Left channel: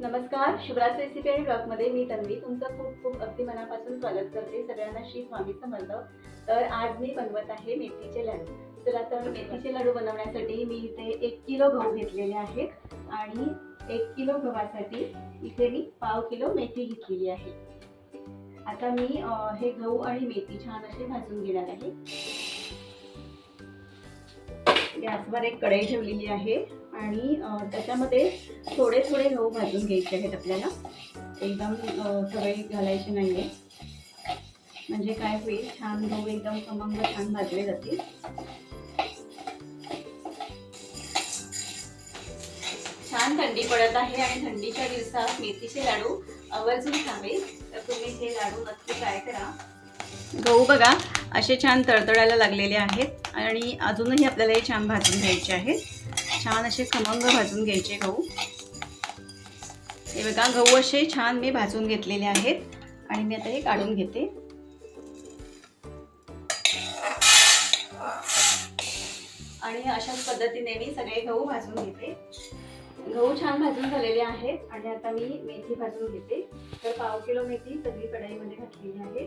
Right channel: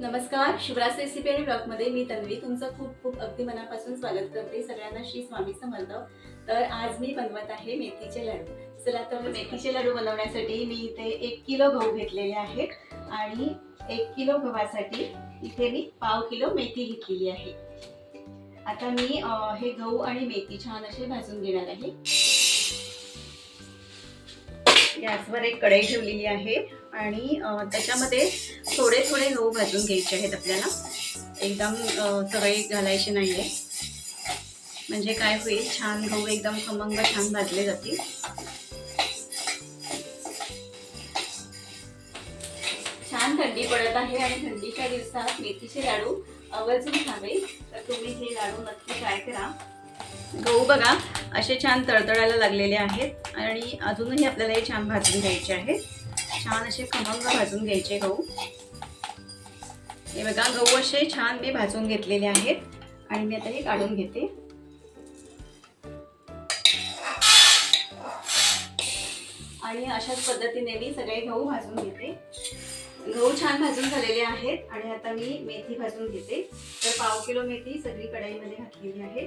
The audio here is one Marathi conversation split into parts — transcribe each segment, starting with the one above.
नमस्कार शिवराज रेसिपी आणि ब्लॉगमध्ये मी तन्वी. तुमचं खूप खूप अगदी मनापासून स्वागत करते सगळ्यांना श्री स्वामी समर्थ. तर आज मी बनवत आहे मेथीचे लाडू. चला तर मेथीचे लाडू बनवण्यासाठी मी इथे एक किलो गहू घेतलेले आहेत आणि एक किलो गव्हासाठी इथे मी पाव किलो मेथी घेतलेली आहे. आता मी हे गहू आणि मेथी छान असे भाजून घेणार आहे. गॅसवर एक कढई ठेवलेली आहे. आणि त्याच्यामध्ये थोडे थोडे गहू भाजून घ्यायचे आहेत आपल्याला. एकदम सगळे घालायचे नाही आहे म्हणजे काय होईल छान गहू एकदम खमंग छान भाजले जातील. छान थंडी पडत आहे आणि थंडीच्या दिवसात मेथीचे लाडू आवर्जून खावे. तर तुम्ही हे लाडू नक्की ट्राय करा. गहू बघा असे छान तळतळायला लागलेले आहेत आणि अजूनही आपल्याला हे छान भाजून घ्यायचे आहेत. छान असे खमंग भाजून घ्यायचे गहू. हे बघा गहू असे छान मी भाजून घेतलेले आहेत. आणि मी आता हे काढून घेते. आणि अशाच पद्धतीने मी सगळे गहू भाजून घेते. गहू छान भाजून झालेले आहेत. आणि आता मी मेथी भाजून घेते. तर पाव किलो मेथी सगळी कढईमध्ये घातलेली आहे.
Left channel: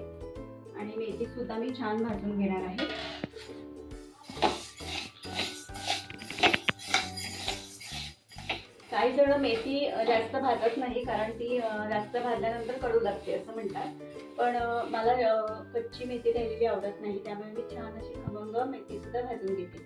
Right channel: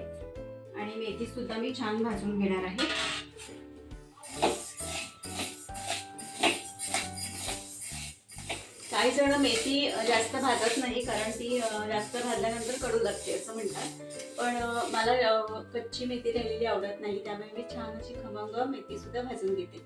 आणि मेथी सुद्धा मी छान भाजून घेणार आहे. काही जण मेथी जास्त भाजत नाही कारण ती जास्त भाजल्यानंतर कडू लागते असं म्हणतात. पण मला कच्ची मेथी राहिलेली आवडत नाही त्यामुळे मी छान अशी खमंग मेथी सुद्धा भाजून घेते.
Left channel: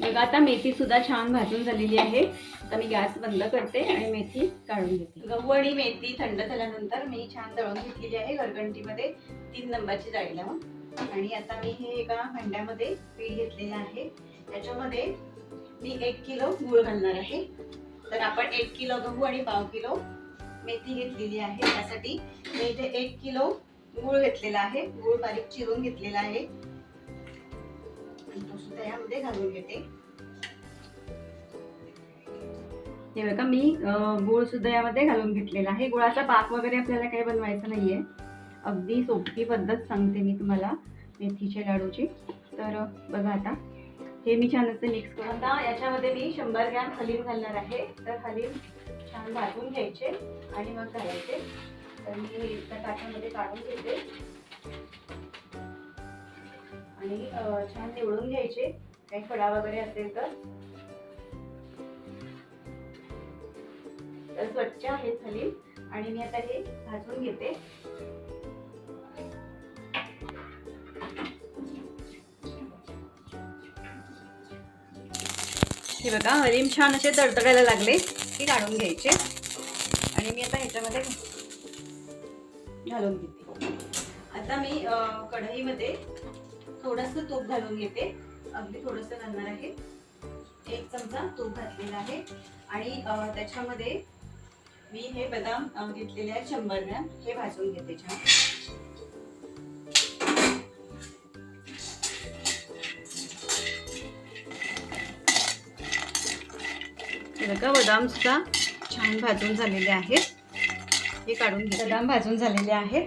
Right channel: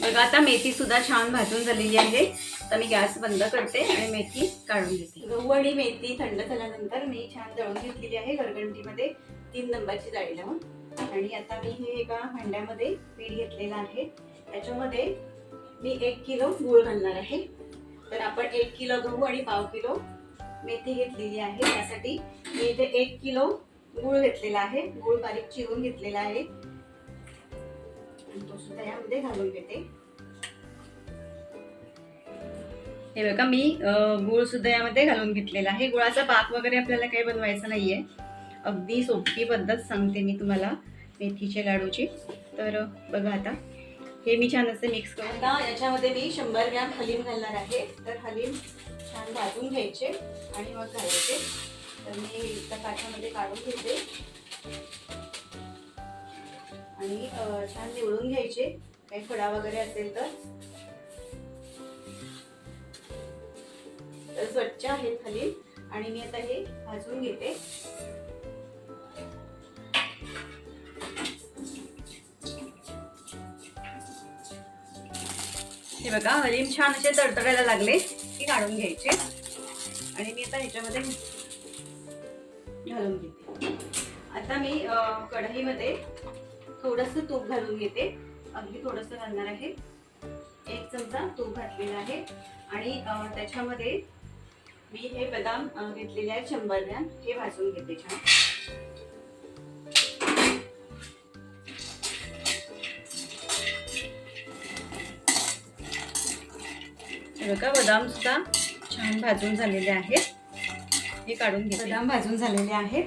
बघा आता मेथी सुद्धा छान भाजून झालेली आहे. आता मी गॅस बंद करते आणि मेथी काढून घेते. गहू आणि मेथी थंड झाल्यानंतर मी छान दळून घेतलेली आहे गरगंटीमध्ये तीन नंबरची जाळी लावून. आणि आता मी हे एका भांड्यामध्ये पीठ घेतलेलं आहे. त्याच्यामध्ये मी एक किलो गूळ घालणार आहे. तर आपण एक किलो गहू आणि पाव किलो मेथी घेतलेली आहे. त्यासाठी मी इथे एक किलो गूळ घेतलेला आहे. गूळ बारीक चिरून घेतलेला आहे. तो सुद्धा यामध्ये घालून घेते. हे बघा मी गुळ सुद्धा यामध्ये घालून घेतलेला आहे. गुळाचा पाक वगैरे आपल्याला काही बनवायचं नाहीये. अगदी सोपी पद्धत सांगते मी तुम्हाला मेथीच्या लाडूची. तर बघा आता. हे मी छान असे मिक्स करून आता याच्यामध्ये मी शंभर ग्रॅम हलीम घालणार आहे. तर हलीम छान भाजून घ्यायचे आणि मग घालायचे. तर मी त्या ताटामध्ये काढून घेते. आणि छान निवडून घ्यायचे. काही खडा वगैरे असेल तर. तर स्वच्छ आहेत हलीम. आणि मी आता हे भाजून घेते. हे बघा हलीम छान असे तडतडायला लागले ते काढून घ्यायचे. आणि मी आता ह्याच्यामध्ये घालून घेते. आता मी कढईमध्ये थोडस तूप घालून घेते. अगदी थोडस घालणार आहे. एक चमचा तूप घातलेला आहे. आणि त्याच्यामध्ये मी हे बदाम घेतलेले आहेत शंभर ग्रॅम. हे भाजून घेते छान. बघा बदाम सुद्धा छान भाजून झालेले आहेत. हे काढून घे बदाम भाजून झालेले आहेत.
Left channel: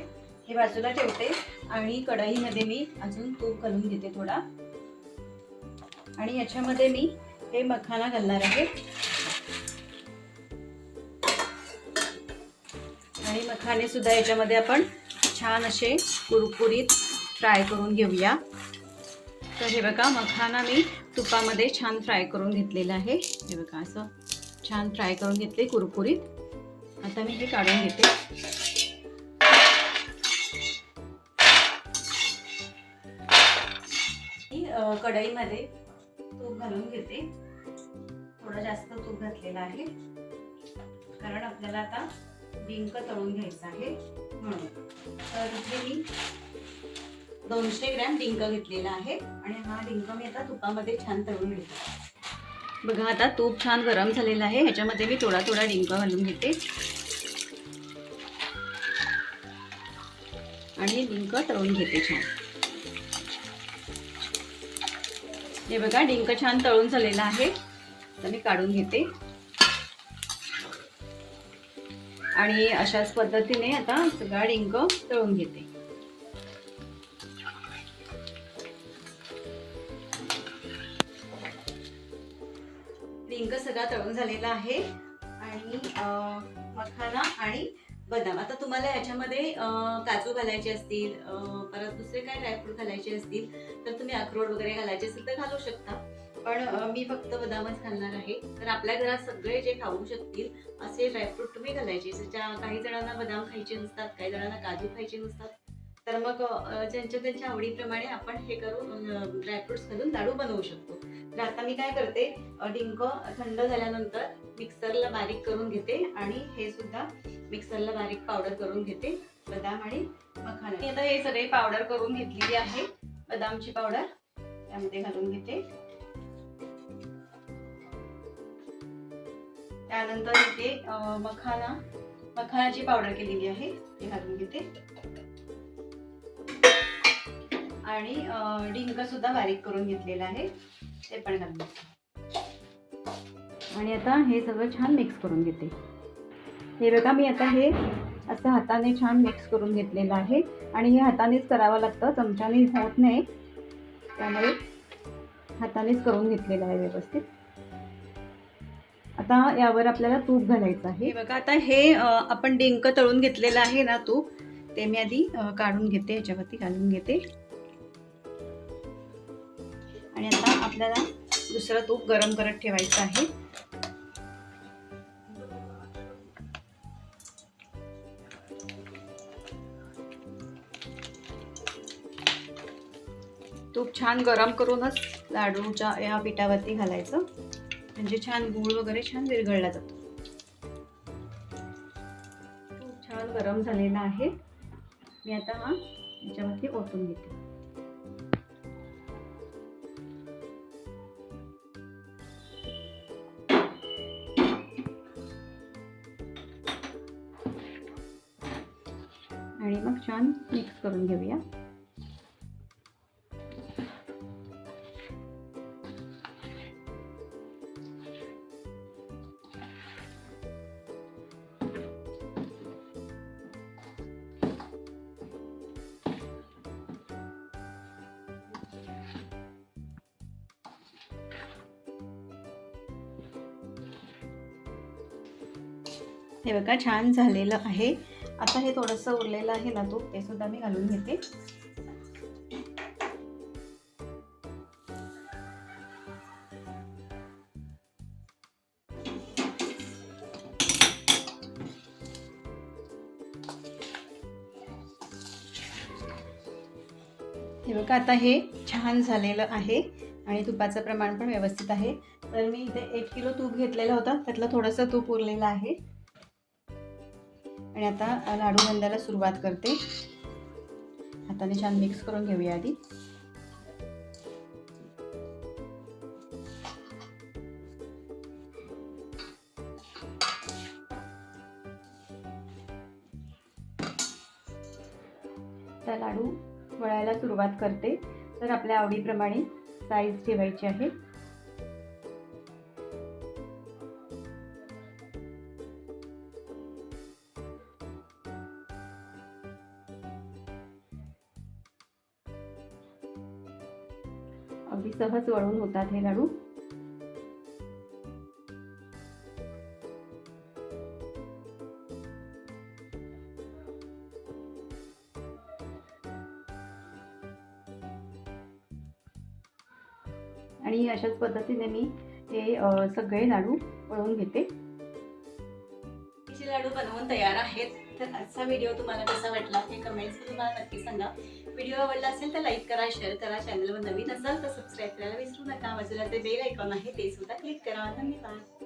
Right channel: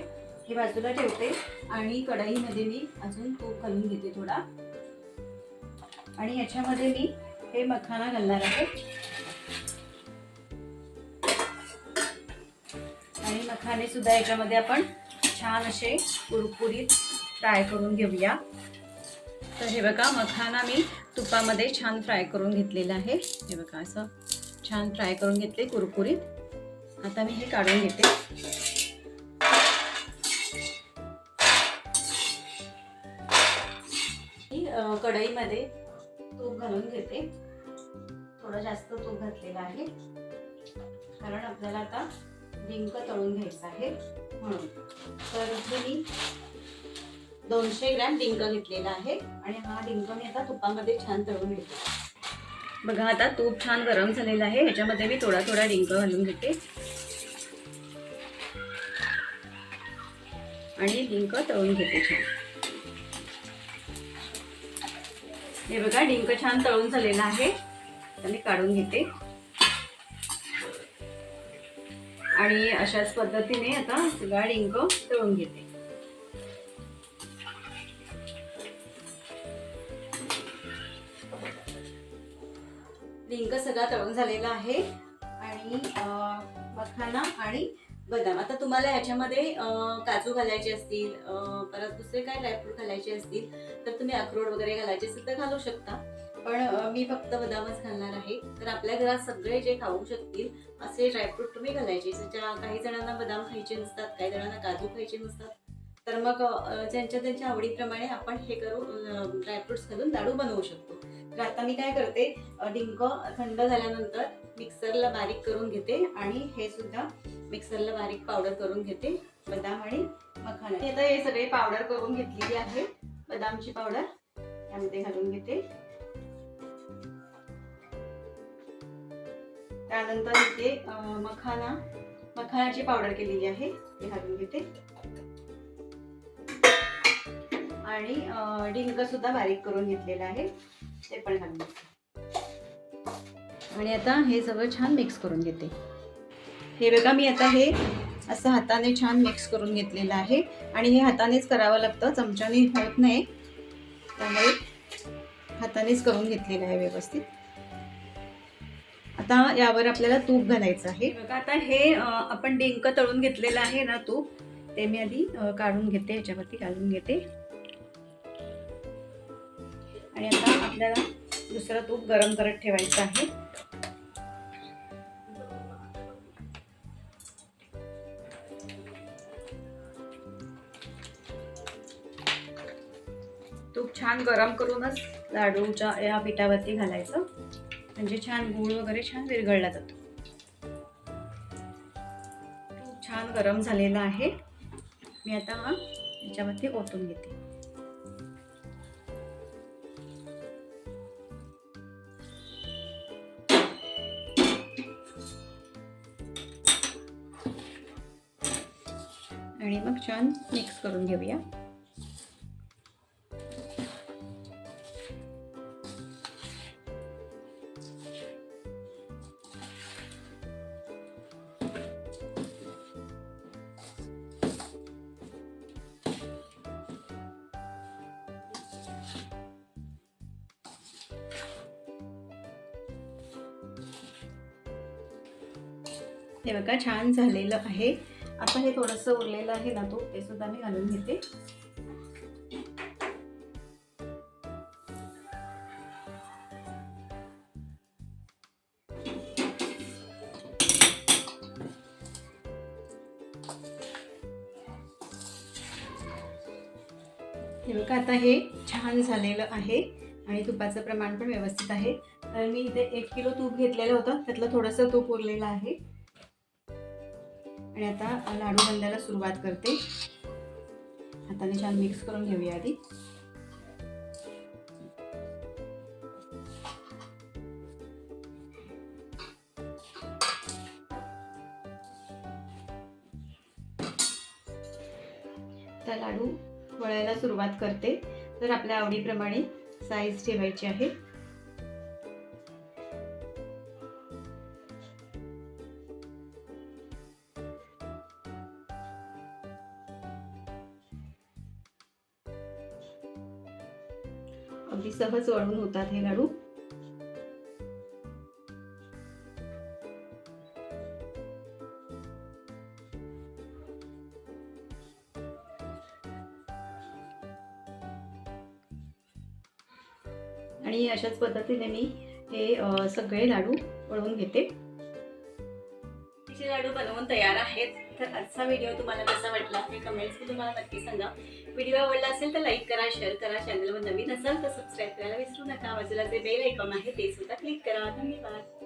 हे बाजूला ठेवते आणि कढाईमध्ये मी अजून तूप घालून घेते थोडा. आणि याच्यामध्ये मी हे मखाना घालणार आहे. आणि मखाने सुद्धा याच्यामध्ये आपण छान असे कुरकुरीत फ्राय करून घेऊया. तर हे बघा मखाना मी तुपामध्ये छान फ्राय करून घेतलेलं आहे. हे बघा असं छान फ्राय करून घेतले कुरकुरीत. आता मी हे काढून घेते. मी, कढईमध्ये तूप घालून घेते. थोडं जास्त तूप घातलेलं आहे. कारण आपल्याला आता डिंक तळून घ्यायचं आहे म्हणून. तर इथे मी दोनशे ग्रॅम डिंक घेतलेला आहे. आणि हा डिंक मी आता तुपामध्ये छान तळून घेते. बघा आता तूप छान गरम झालेलं आहे. ह्याच्यामध्ये मी थोडा थोडा डिंक घालून घेते. आणि डिंक तळून घेते छान. हे बघा डिंक छान तळून झालेला आहे. तर मी काढून घेते. आणि अशाच पद्धतीने आता सगळा डिंक तळून घेते. डिंक सगळा तळून झालेला आहे. आणि मखाणा मखाना आणि बदाम. आता तुम्हाला याच्यामध्ये काजू घालायचे असतील परत दुसरे काय ड्रायफ्रूट घालायचे असतील तर तुम्ही अक्रोड वगैरे घालायचे असेल तर घालू शकता. पण मी फक्त बदामच घालणार आहे. तर आपल्या घरात सगळे जे खाऊ शकतील असे ड्रायफ्रूट तुम्ही घालायचे. ज्या काही जणांना बदाम खायचे नसतात काही जणांना काजू खायचे नसतात तर मग ज्यांच्या त्यांच्या आवडीप्रमाणे आपण हे करू ड्रायफ्रुट्स घालून लाडू बनवू शकतो. तर आता मी काय करते डिंक थंड झाल्यानंतर मिक्सरला बारीक करून घेते आणि हे सुद्धा मिक्सरला बारीक पावडर करून घेते बदाम आणि मखाना. मी आता हे सगळे पावडर करून घेतलेली आहे बदामची पावडर त्यामध्ये घालून घेते. त्यानंतर इथे मखाना मखानाची पावडर केलेली आहे ती घालून घेते. आणि अं, डिंक सुद्धा बारीक करून घेतलेलं आहे. ते पण घालून आणि आता हे सगळं छान मिक्स करून घेते. हे बघा मी आता हे असं हाताने छान मिक्स करून घेतलेलं आहे. आणि हे हातानेच करावं लागतं चमच्याने होत नाही. त्यामुळे हातानेच करून घेतलेलं आहे व्यवस्थित. आता यावर आपल्याला तूप घालायचं आहे. बघा आता हे आपण डिंक तळून घेतलेलं आहे ना तूप ते मी आधी काढून घेते ह्याच्यावरती घालून घेते. आपल्याला दुसरं तूप गरम करत ठेवायचं आहे. तूप छान गरम करूनच लाडूच्या या पिठावरती घालायचं. म्हणजे छान गूळ वगैरे छान विरघळला जातो. तूप छान गरम झालेलं आहे. मी आता हा याच्यावरती ओतून घेते. आणि मग छान मिक्स करून घेऊया. हे बघा छान झालेलं आहे. आता हे थोडंसं उरलेलं आहे ना तूप ते सुद्धा मी घालून घेते. हे बघा आता हे छान झालेलं आहे आणि तुपाचं प्रमाण पण व्यवस्थित आहे. तर मी इथे एक किलो तूप घेतलेलं होतं त्यातलं थोडंसं तूप उरलेलं आहे. आणि आता लाडू बांधायला सुरुवात करते. हाताने छान मिक्स करून घेऊया आधी. त्या लाडू वळायला सुरुवात करते. तर आपल्या आवडीप्रमाणे साईज ठेवायची आहे अगदी सहज वळून होतात हे लाडू. आणि अशाच पद्धतीने मी हे सगळे लाडू वळवून घेते. तिचे लाडू बनवून तयार आहेत. तर आजचा व्हिडिओ तुम्हाला कसा वाटला हे कमेंट्समध्ये मला नक्की सांगा. व्हिडिओ आवडला असेल तर लाईक करा शेअर करा चॅनलवर नवीन असाल तर सबस्क्राईब करायला विसरू नका. बाजूला जे बेल आयकॉन आहे ते सुद्धा क्लिक करा. धन्यवाद.